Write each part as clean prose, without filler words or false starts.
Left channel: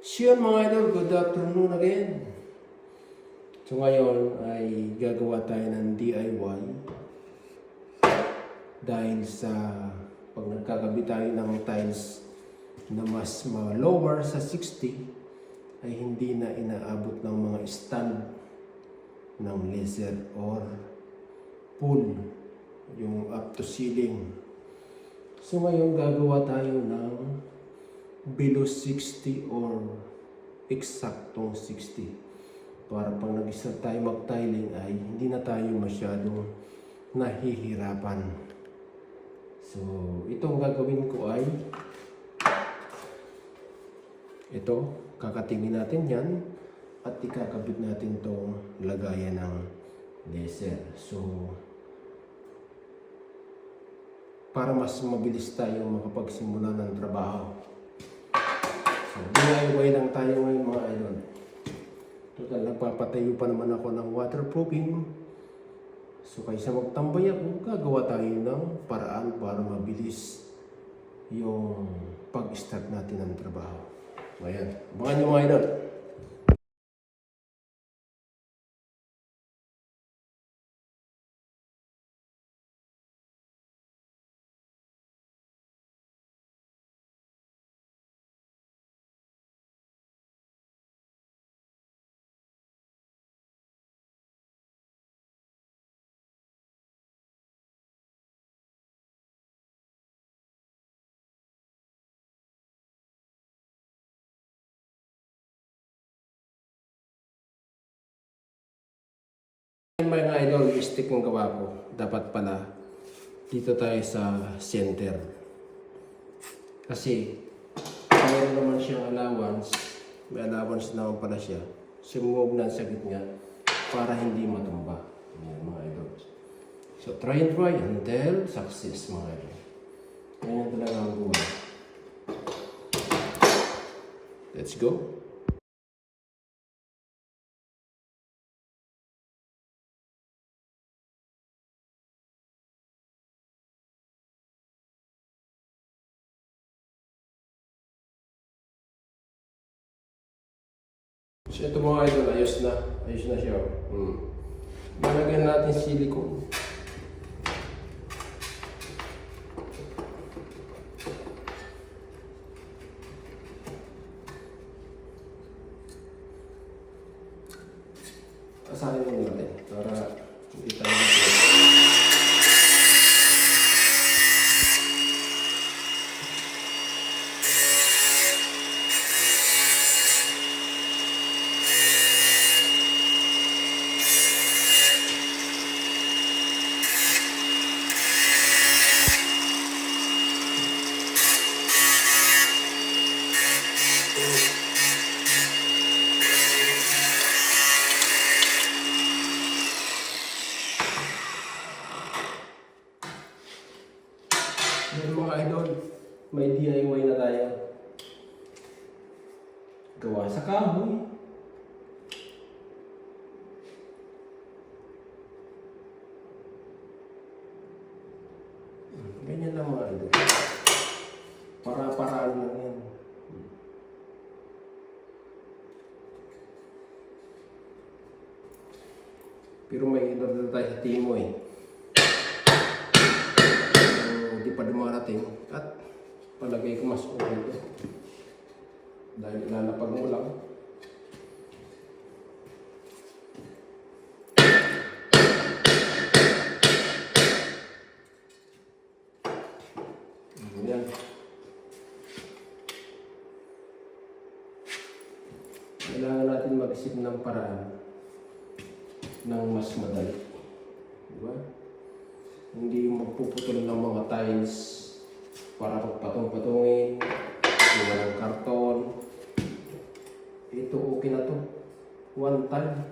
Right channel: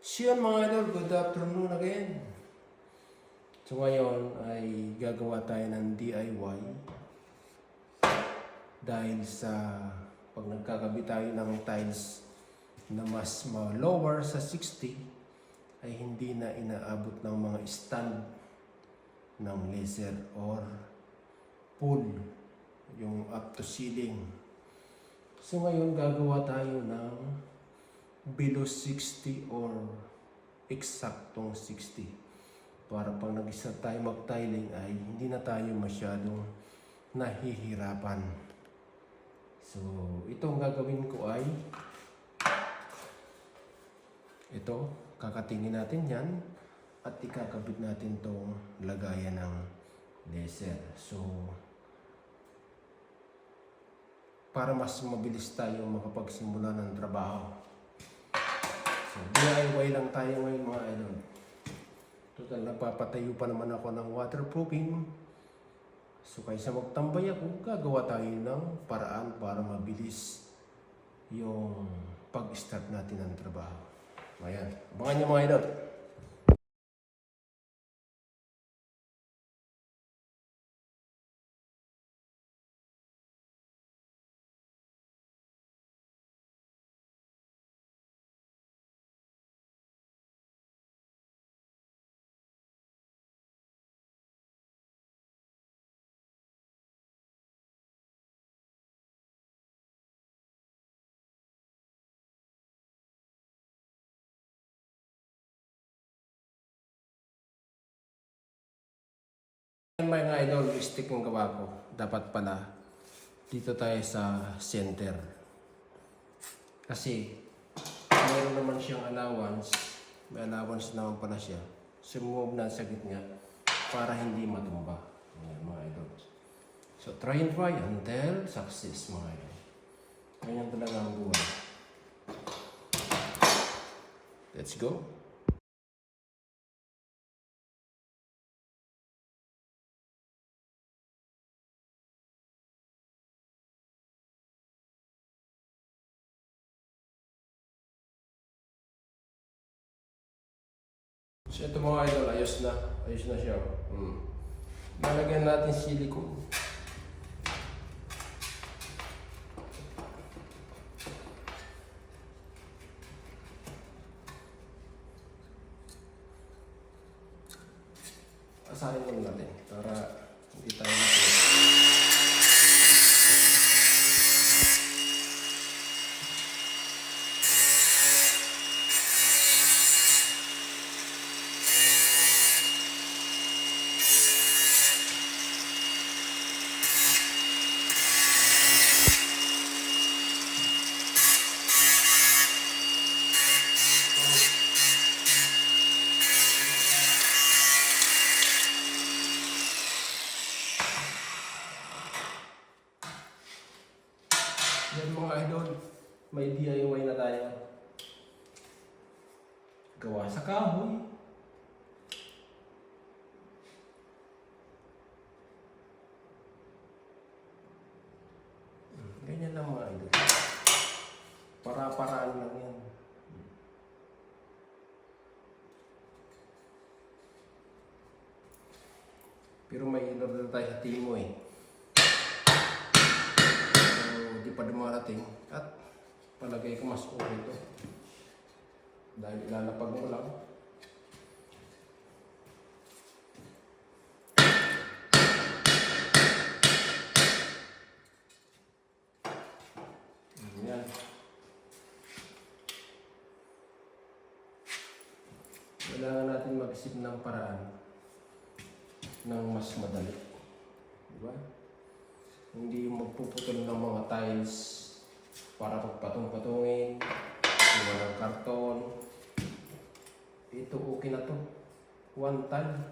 So yun mga idol, good afternoon again. So ngayon ay gagawa tayo ng DIY dahil sa pag nagkakabit tayo ng tiles na mas lower sa 60 ay hindi na inaabot ng mga stand ng laser or pull yung up to ceiling. So ngayon gagawa tayo ng below 60 or eksaktong 60 para pag nag-start tayo mag-tiling ay hindi na tayo masyadong nahihirapan. So itong gagawin ko ay ito, kakatingin natin yan at ikakabit natin itong lagayan ng laser. So para mas mabilis tayo makapagsimula ng trabaho. So, DIY lang tayo ngayon mga idol. Total, nagpapatayo pa naman ako ng waterproofing. So, kaysa magtambay ako, gagawa tayo ng paraan para mabilis yung pag-start natin ng trabaho. Ayan, abangan nyo mga idol. Mga idol, mistake ng gawa ko. Dapat pala dito tayo sa center. Kasi mayroon naman siyang allowance. May allowance naman pala siya. Sumove na sa gitna para hindi matumba. Ayan mga idol. So try until success mga idol. Ganyan talaga ang buhay. Let's go. So ito mga idol, ayos na siya. Lalagyan natin silicone. Asahin mo natin para hindi tayo mga idol, may DIY na tayo. Gawa sa kahoy. Ganyan lang mga idol. Para-paraan lang yan. Pero may ilan tayo sa timo eh. Hindi pa dumarating at palagay ko mas okay ito dahil lalapag mo lang. Yan. Kailangan natin mag-isip ng paraan ng mas madali, diba? Hindi magpuputol ng mga tiles para pagpatong-patungin, walang karton. Ito okay na to. One time.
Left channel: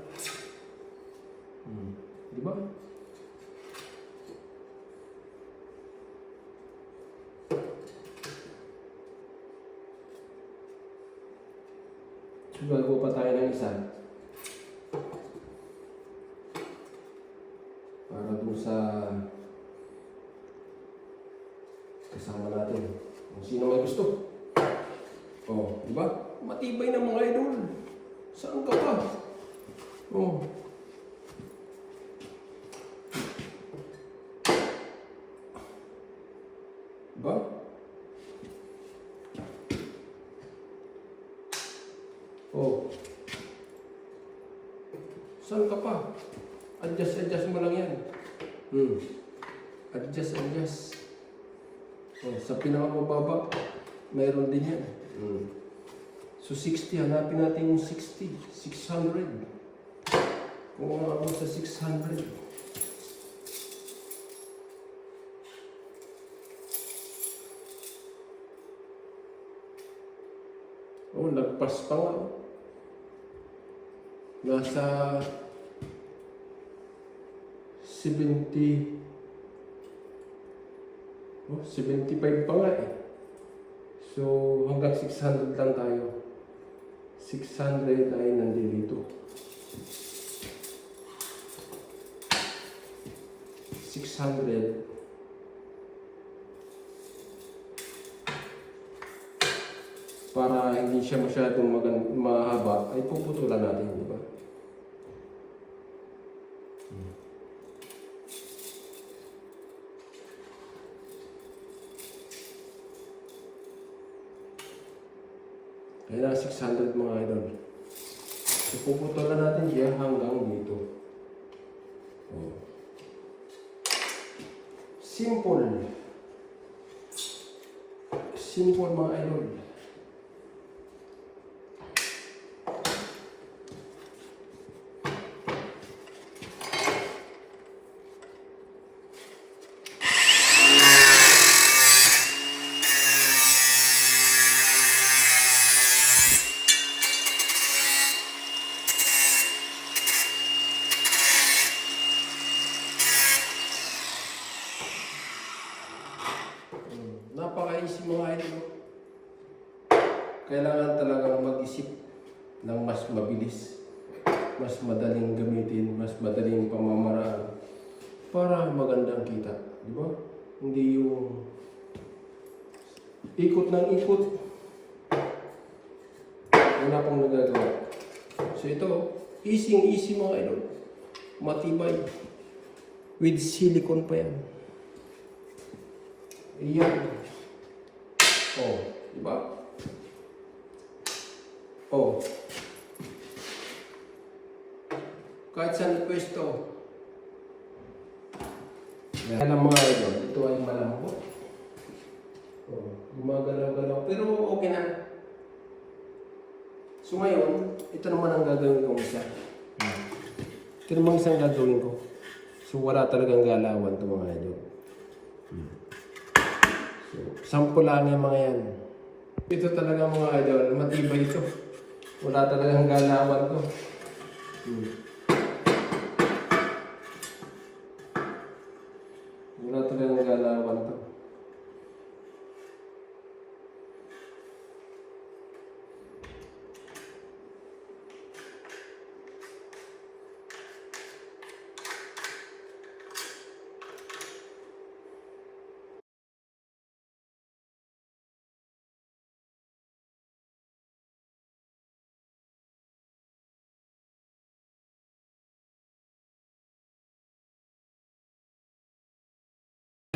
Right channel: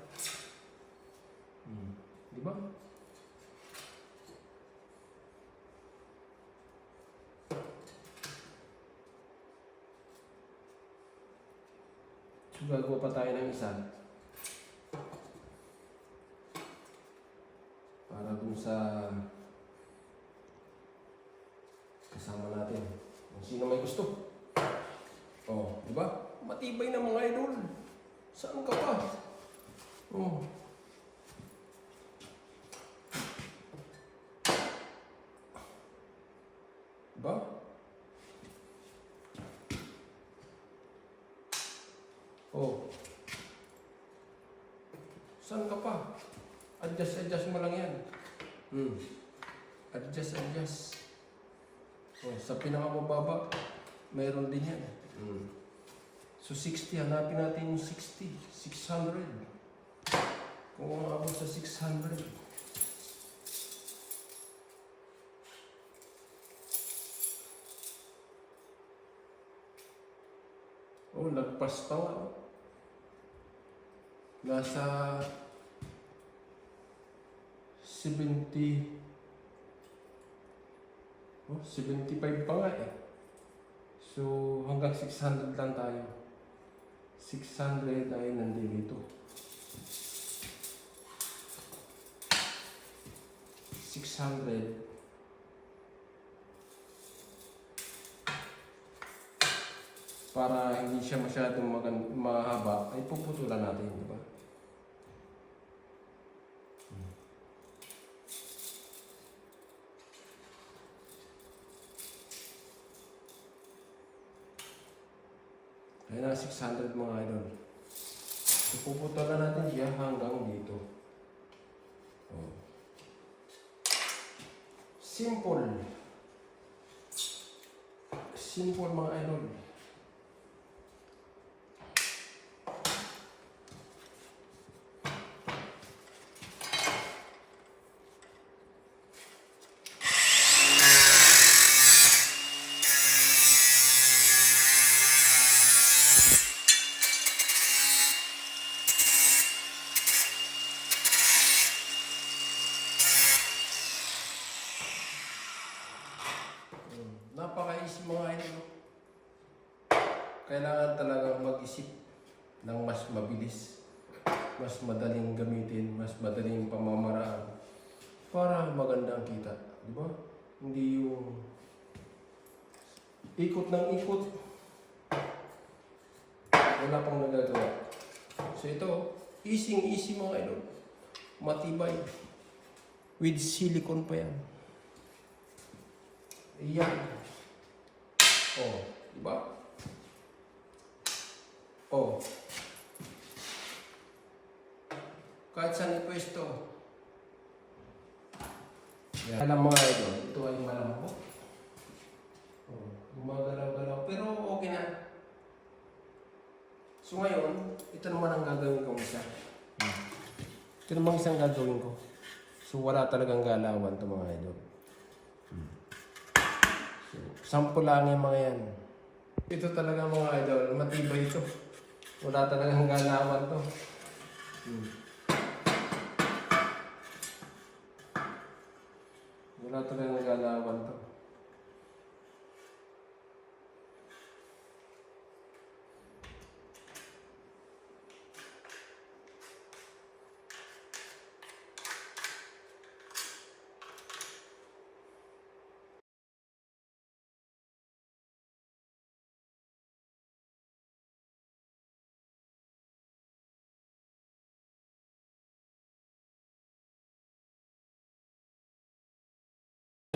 Diba? So, gagawa pa tayo ng isa. Para dun sa kasama natin. Kung sino may gusto. Oh, di ba? Diba? Matibay na mga idol. Saan ka pa? Oh. Diba? Oh. Saan ka pa? Adjust mo lang yan. Adjust. Oh, sa pinakamababa, mayroon din yan. So 60, hanapin natin yung 60. 600. Kung umabot sa 600. Oh, lagpas pa nga. Nasa 70. Oh, 75 pa nga eh. So, hanggang 600 lang tayo. 600 ay nandito. 600. Para hindi siya masyadong mahaba, ay puputulan natin, di ba? Kaya na 600 mga idol. So, puputulan natin siya hanggang dito. Oh. Simple. Simple mga idol. Napaka-easy mga idol. Kailangan talagang mag-isip ng mas mabilis, mas madaling gamitin, mas madaling pamamaraan para magandang kita. Di ba? Hindi yung ikot ng ikot. Wala pang nagagawa. So ito, easy mga idol. Matibay. With silicone pa yan. Iyan. Oh, diba? Oh. Kahit saan pwesto. Alam mga idol, ito ay malambot. Oh, gumagalaw-galaw. Pero okay na. So ngayon, ito naman ang gagawin kong isa. Ito naman isang gagawin ko. So wala talagang galawan ito mga idol. So, sample lang yung mga yan. Ito talaga mga idol, matibay ito. Wala talagang galawan to. Wala talagang galawan to.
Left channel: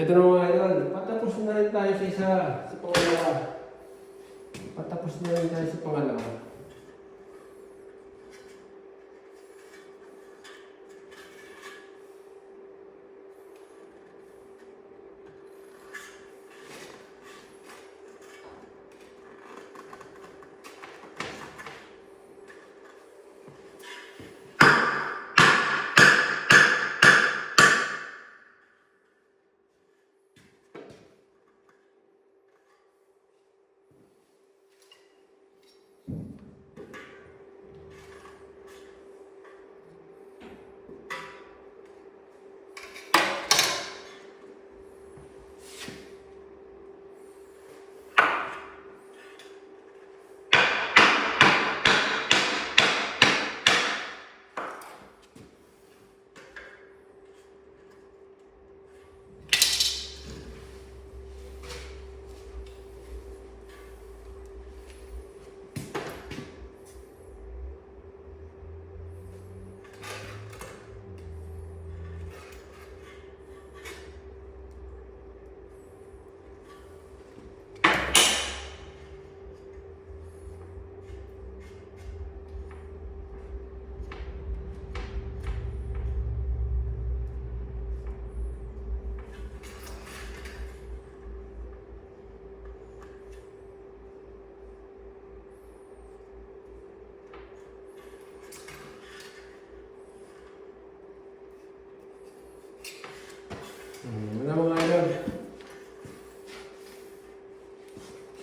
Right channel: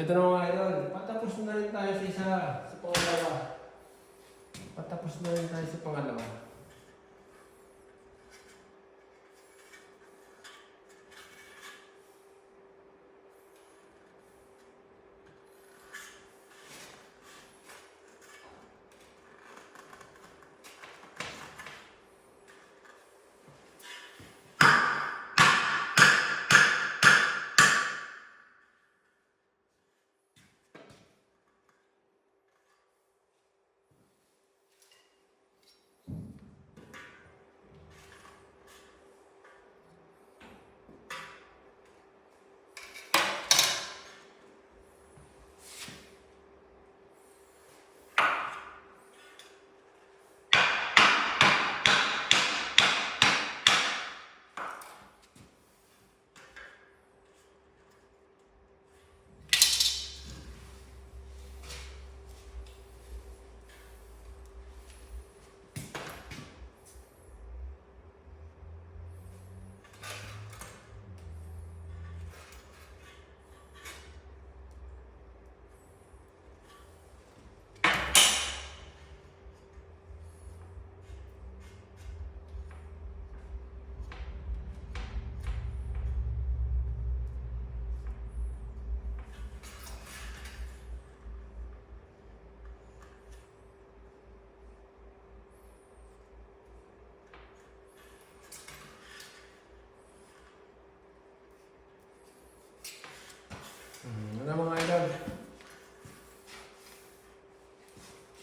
Ito na mga idol, patapos na rin tayo sa isa, sa pangalawa. Patapos na rin tayo sa pangalawa.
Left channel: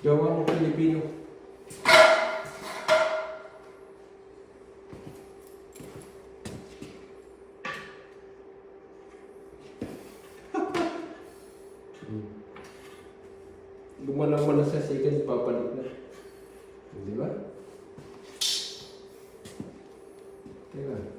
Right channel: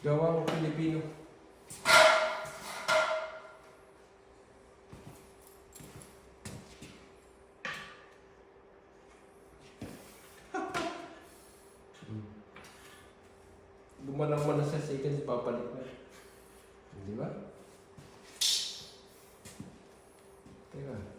Gawang Pilipino. Gumalaw mo lang sa second, papalit na. Di ba? Teka.